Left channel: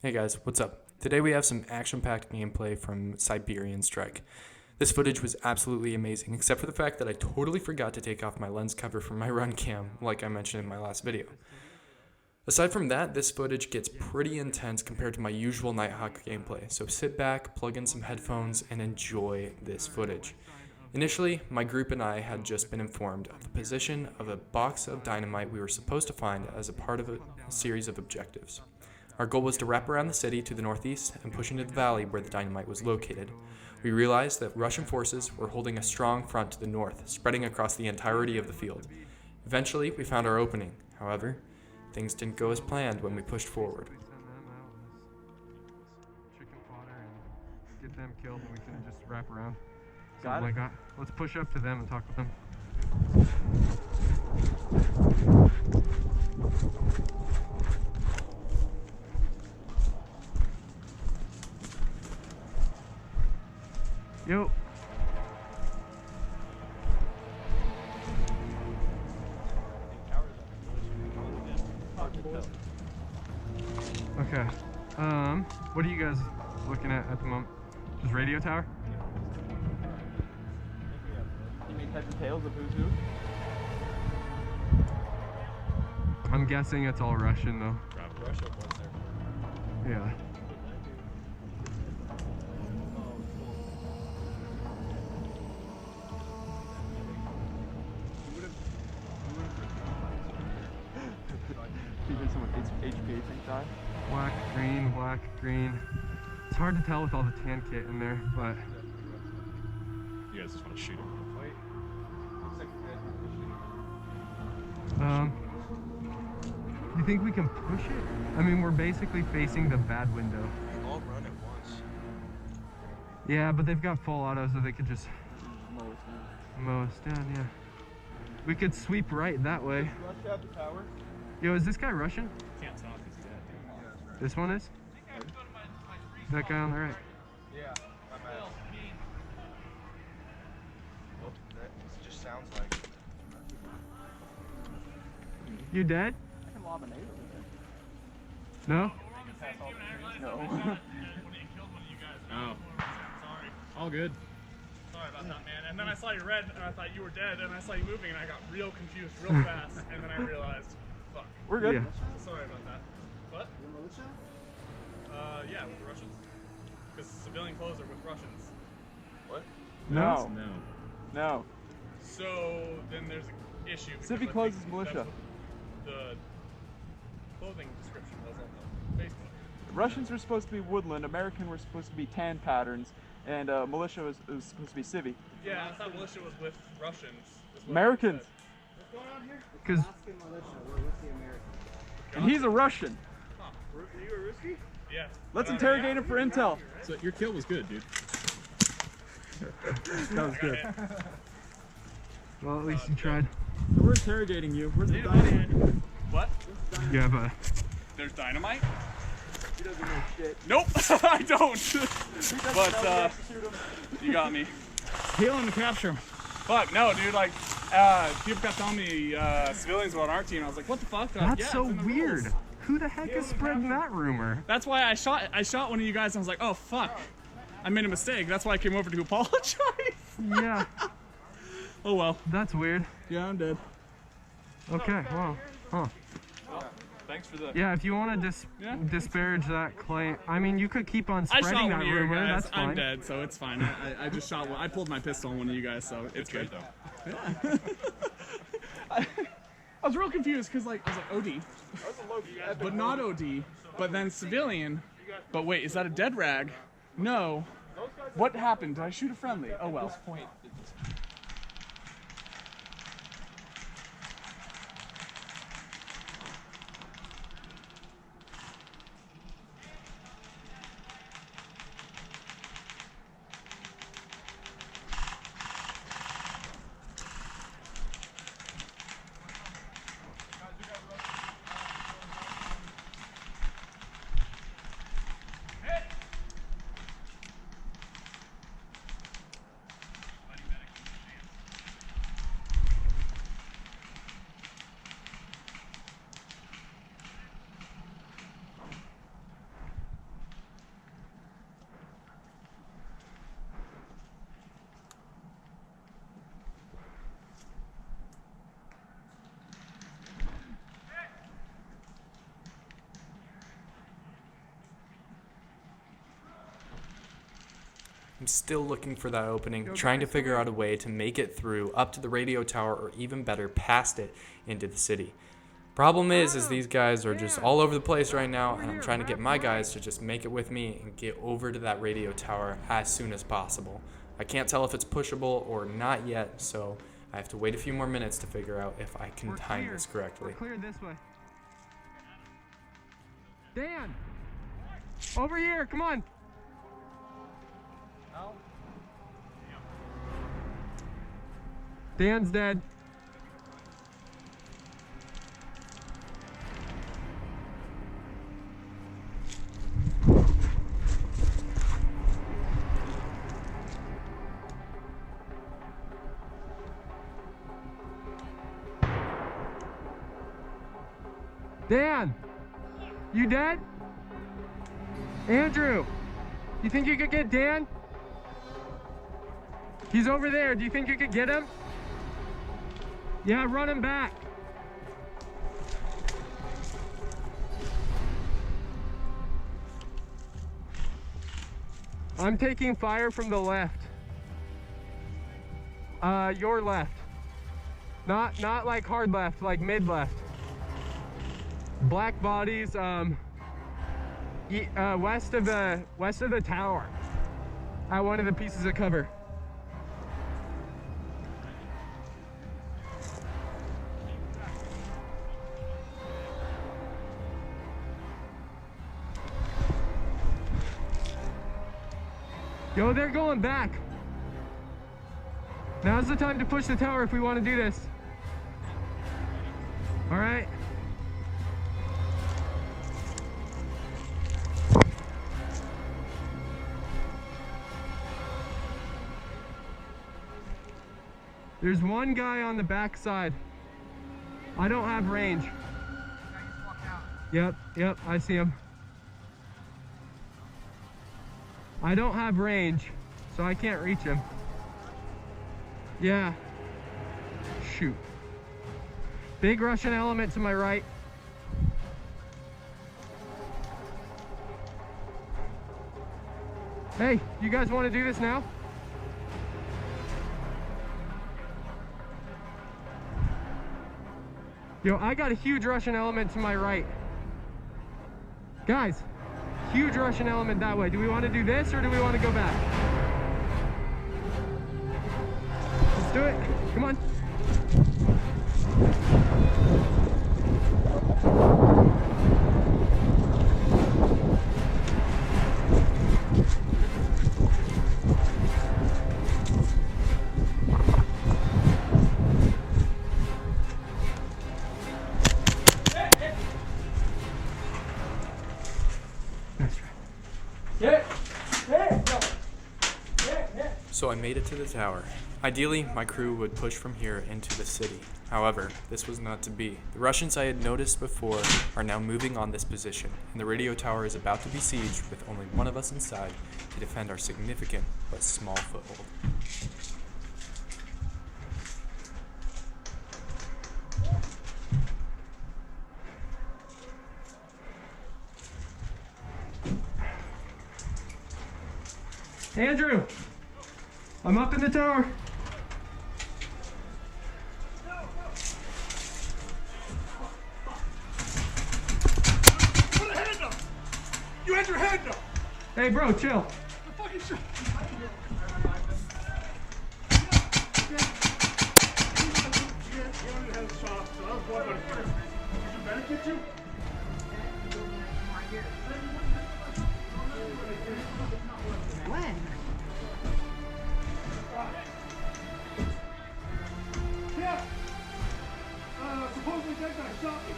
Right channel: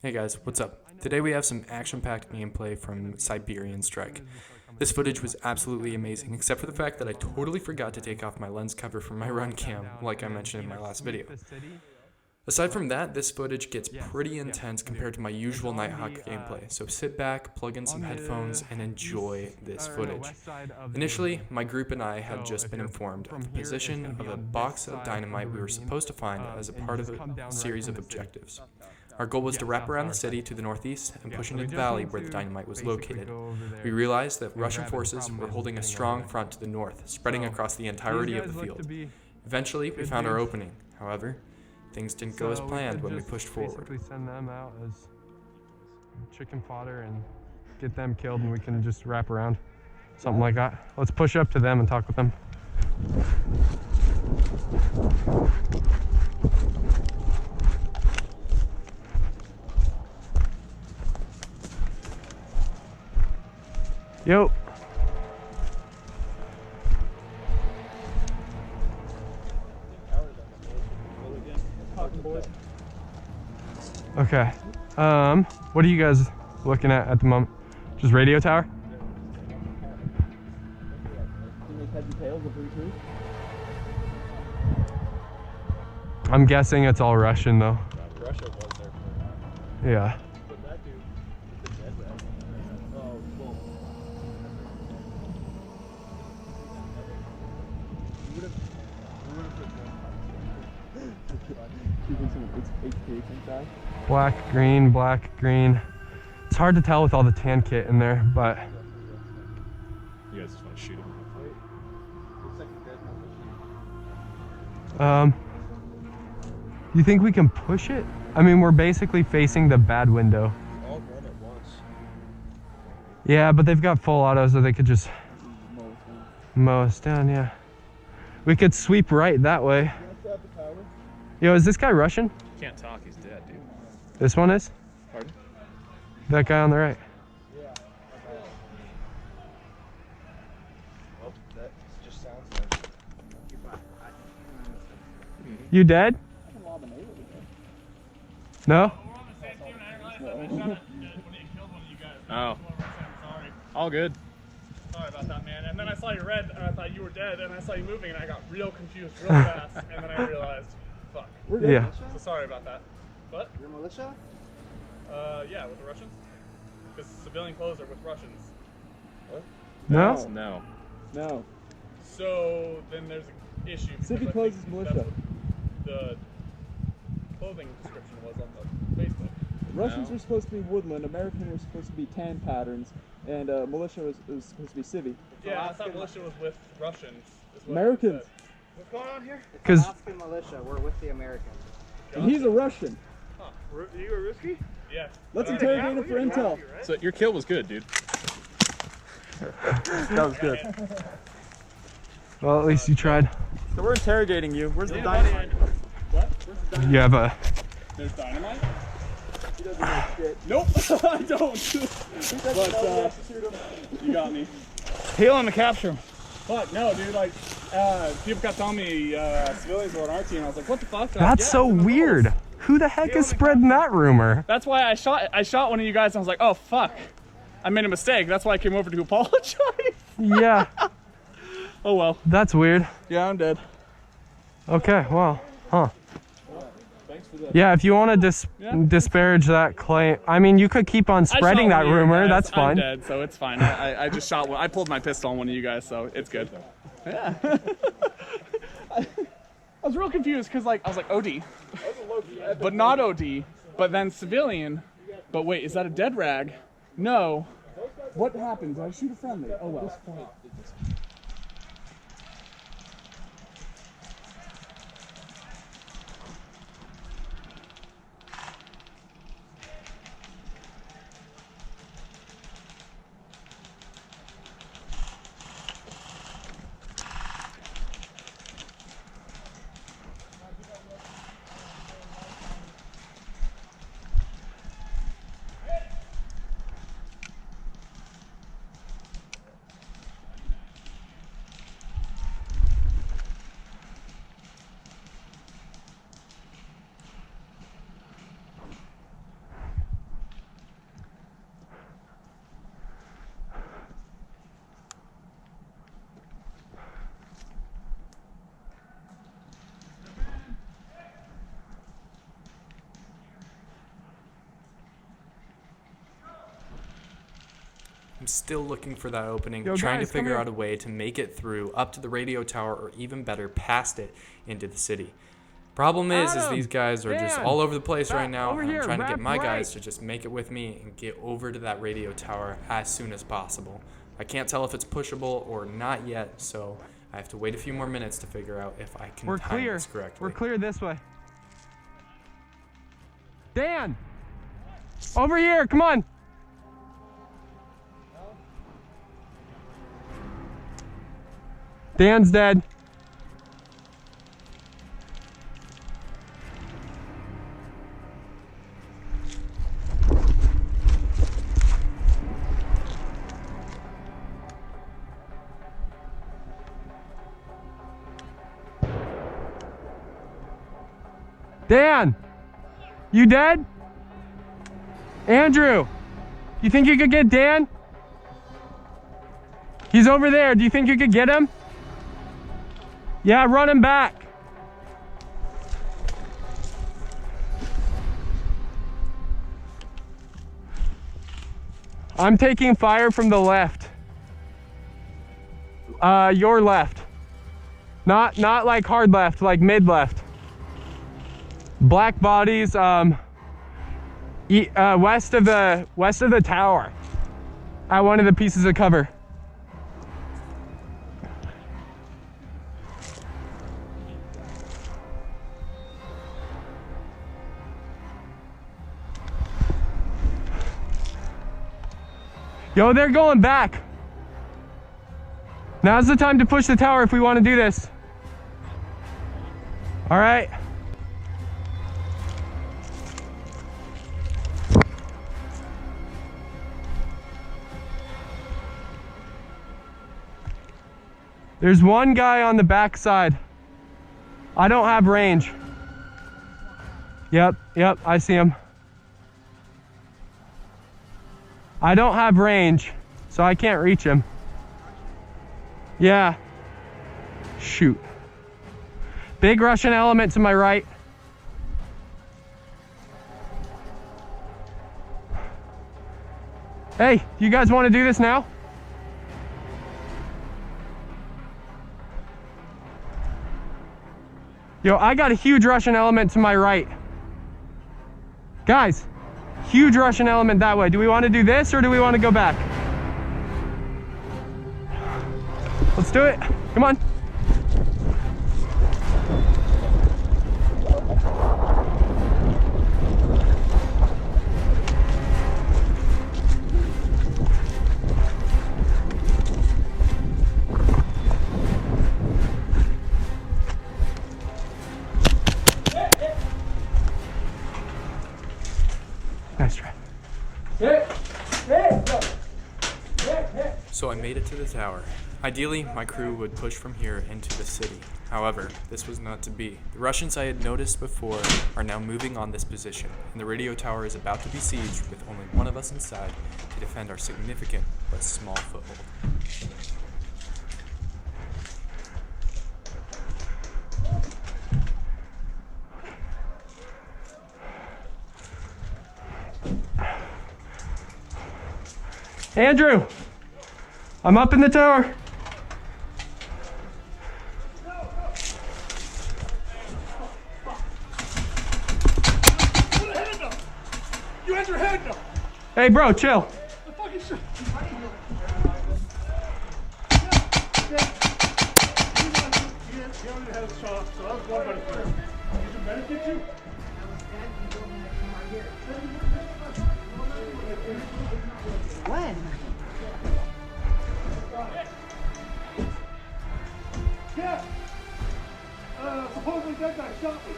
Hey guys, what's up? Today we have some action-packed gameplay from Siberian Strike. This footage was absolutely amazing, except for the fact that I totally forgot to take off my lens cover from my run cam, like I mentioned in my last video. Aside from that, this footage gets pretty intense compared to my usual Nitehawk gameplay, so sit back, plug in some headphones, and enjoy this footage. Initially, my group and I had just been informed of the position of a box of dynamite we were supposed to find as a part of a series of objectives. Our goal was to wrap around the city to the northeast and push into the valley where the dynamite was located. We realized that Russian forces were holding a strong front to the north, spreading across the entirety of the field. Eventually, we found our opening. However, things didn't go as planned when we pushed forward. We send them out as chicken fodder and get them killed, and we can just wrap around. Something like that. Let's push up to them and talk with them. Yo. Okay. What are you guys looking at the moment? Just radio tower? You make heads and tails of who too? I'm guessing it's all Russian though. Russia was there for Yeah. But that dude, he's dead right? Oh, cool. You would have even someone HPA tank die? Black, green. It's hard to tell with all the tan kit in there, but You guys just want to shoot him? Wait. Looks like you guys are pushing. you think we can push it? I mean, we're basically facing the bad window. We all run at once. Yeah, but they've got full auto, so they could just mow us down, yeah. We could sweep right that way. You want to grab the tower? Yo, is this guy Russian? Can't talk, he's dead, dude. This one is? Pardon? That guy on the right. Yeah, my bad. Well, that just sounds like. You dead? I can lob an 8 over there. No? Oh. All good. Sorry about that, man. And then I saw you red, and I thought you were dead, and I saw you moving, and I got real confused real fast, and then I realized, fuck. We're good. Yeah. So sorry about that. What? You're militia? Yeah, with the Russians? Because civilian clothes are with Russians. What? No? No. No. So then there's an issue. because Civic I clothes think is militia. that's what the clothing description was on the Facebook. Russians were supposed to be woodland, American were supposed to be tan patterns, and militia was supposed to be civvy. Yeah, I thought militia was with Russians. is what it Americans. said. What's going on here? Because Alaskan militia, we're with the Americans. And he's a Russian. Huh. You a risky? Yeah. Let's interrogate him for intel. So your kill was good, dude. That was good. well, at least you tried. So we're interrogating you. Where's the Need a body dynamite? armor. What? You have a. There's dynamite? He doesn't know shit. Nope, I don't. But you got me. Heal him to capture him. Fuck no, dude. Like, people kept telling me civilians were on our team. I was like, what the fuck? They're like, That's "Yeah, so it's in the weird. rules." Who the heck is spreading that rumor? That's why I shot one of you guys. And I was like, oh fuck, I made a mistake. That's why I came over to apologize. Yeah, Oh well. that's weird. Yeah, I'm dead. Okay, well, huh. Thanks for the. Yeah, if you want to Yeah. disparage that claim, I mean, you could keep on I spreading shot that one of you rumor. guys. That's fine. I'm dead, so it's fine. I just shot one. I pulled my pistol on one of you guys, so it's good. Yeah. I was real confused because like I was like OD, but not OD, but then civilian. But wait, is that a dead rag? No. What happened? Did I shoot a friendly? Oh well. still looking for that opening, Yo, trying guys, to come figure here. out a way to make it through up to the radio tower, or even better, past it into the city. Problem is Adam, these guys are just Dan, all over the place right now, over and I'm here, trying to get left, my right. guys to just make it with me and get over to that radio tower as soon as possible. I can't tell if it's pushable or not yet, so I have to wait a few more minutes to figure out if I can We're time clear. this correctly. We're clear this way. Dan! Over here, come on! Dan's dead. Dan! You dead? Andrew! You think you could get Dan? He's over there. Do you think you could get him? Yeah, run him back. I'm taking fire from the left. Your left. Not like hard left, like mid left. Black bodies, west of the tower, at one of the pieces of cover. Yo, they're going back. Now's the time to push the tower if we want to do this. All right. There's one guy on the back side. I don't have range. Yep, I see him. I don't have range, so I can't reach him. Yeah. Shoot. Big Russian element to my right. Hey, you guys want to do this now? Yo, I got a huge Russian element to my right. Guys, huge Russian element that way. Do we want to do this or do we want to go back? Let's do it. Come on. Nice try. So I made it to the tower. Ideally, my crew would push from here into the city. However, this was not to be. The Russians I had noticed before are now moving on this position, and the radio tower is about to be sieged with only one of us inside to defend our significant but small foothold. Andrew, I'm up in the tower. Put a hand up! You had your hand up! Hey bro, chill. The fucking shit! He only had a shot, so that was one buddy first. Did your medic get you? When? Yeah! Supposedly that guy shot me.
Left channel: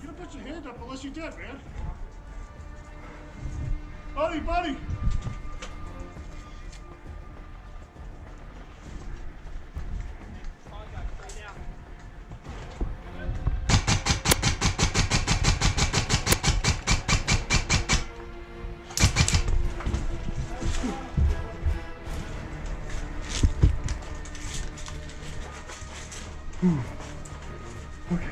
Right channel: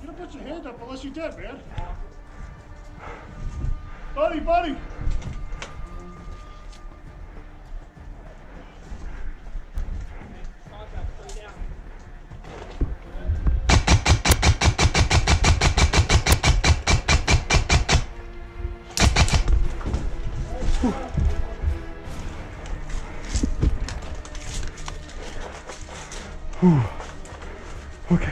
You don't put your hand up unless you're dead, man. Buddy! Okay.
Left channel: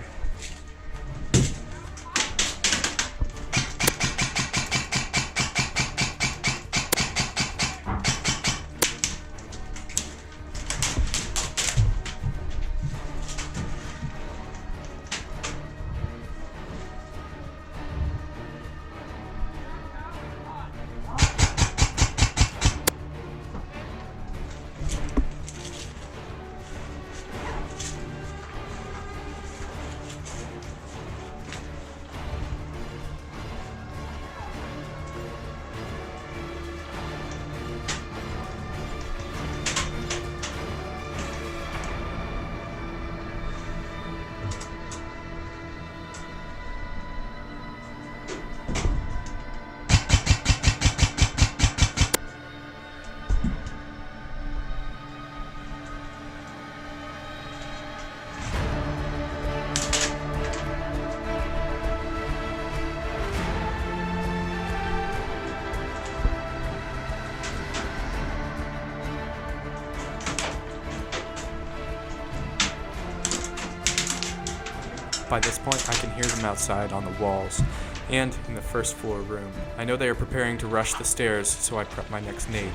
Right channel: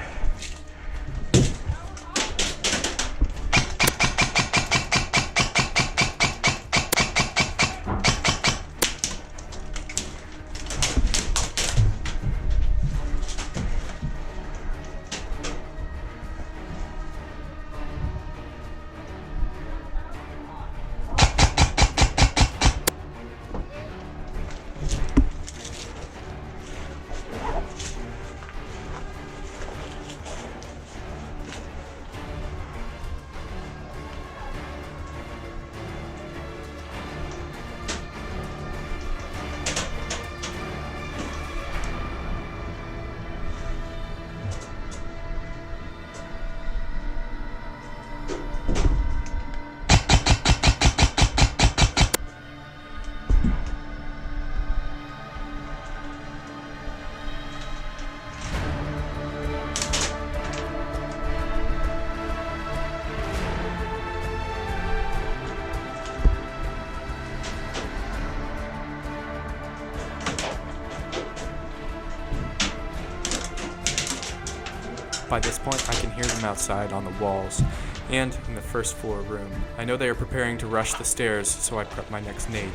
By this point, I can hear them outside on the walls and in the first floor room. I know they are preparing to rush the stairs, so I prep my next nade.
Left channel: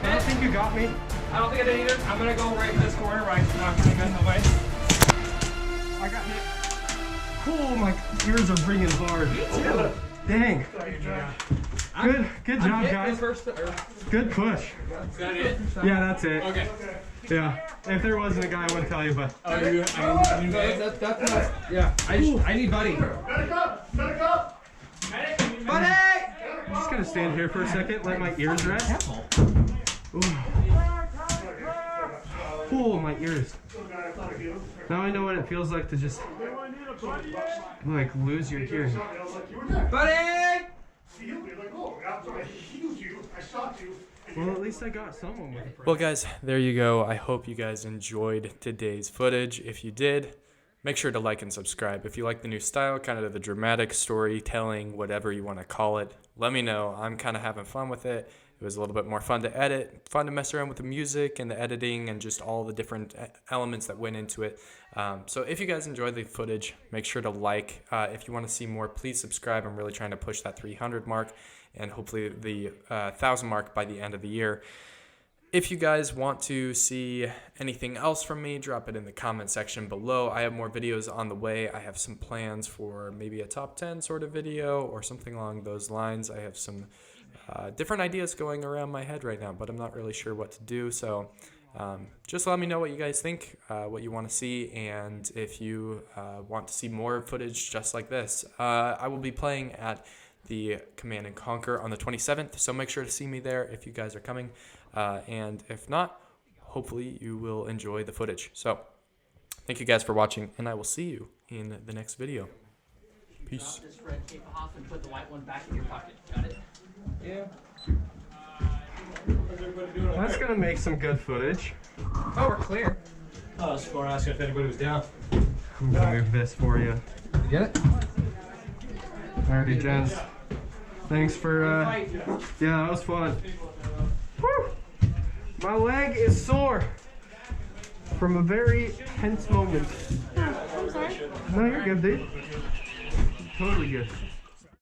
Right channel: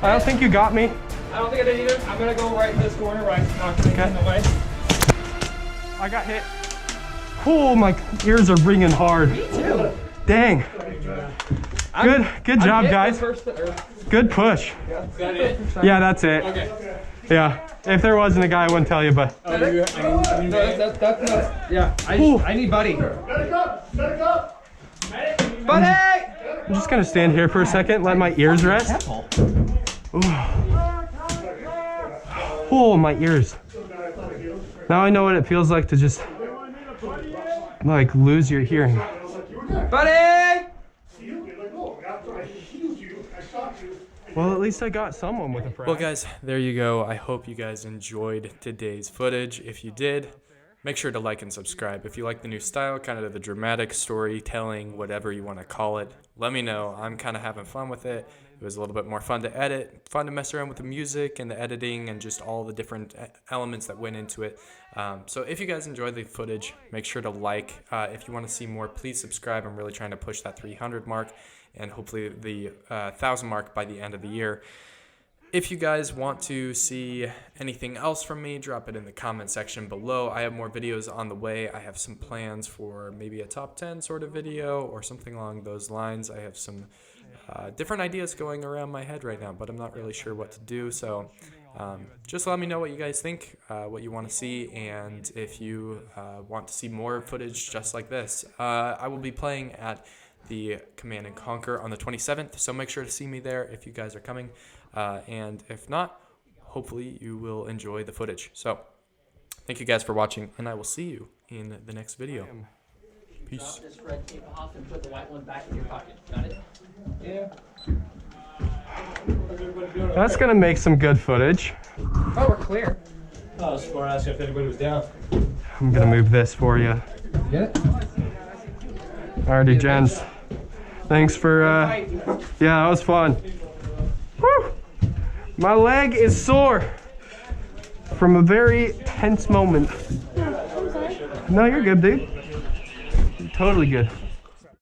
I don't think you got me. I don't think I did either. I'm gonna go right in this corner, right, not gonna get in the way. I got hit. Oh, my ears are ringing hard. Me too. Dang. Good job, guys. Good push. Is that it? Yeah, that's it. Okay. Yeah. If there wasn't a guy, I wouldn't tell you, but. Oh, that's not. Yeah. I need Buddy. Buddy! I'm just gonna stand here for a second, let my ears rest. Ooh. Oh, my ears. Now I know what it feels like to just like lose your hearing. Buddy! Well, at least I got someone with a friend. Well, guys, there you go. I hope you guys enjoyed today's footage. If you did, make sure to like and subscribe. If you like the new style, kind of the dramatic storytelling, whatever you want to call it, let me know. I'm kind of having fun with it. It was a little bit more fun to edit, fun to mess around with the music and the editing and just all the different elements that went into it. So if you guys enjoyed the footage, make sure to like. If you want to see more, please subscribe. I'm really trying to push that 300 mark and hopefully the 1,000 mark by the end of the year. If you guys want to see anything else from me, drop it in the comment section below. I have more videos on the way. I have some plans for maybe a top 10 sort of video or something along those lines. I have some different ideas going around my head right now, but I'm not really sure what to do. So just let me know what you guys think, what you want to see, and if you want to see more footage just like this. I will be playing at the Command & Conquer on the 27th, so make sure to see me there if you guys are coming. And if not, hopefully you will enjoy the footage. So thank you guys for watching, and I will see you in the next video. Peace. This red tape off and put the white one back in your pocket. Got it? Yeah. That's gonna make some good footage. Oh, we're clear. I was going to ask if anybody was down. I'm gonna move this for you. Get it? Alrighty, gents. Thanks for, yeah, that was fun. Woo! My leg is sore from a very tense moment. No, you're good, dude. Totally good.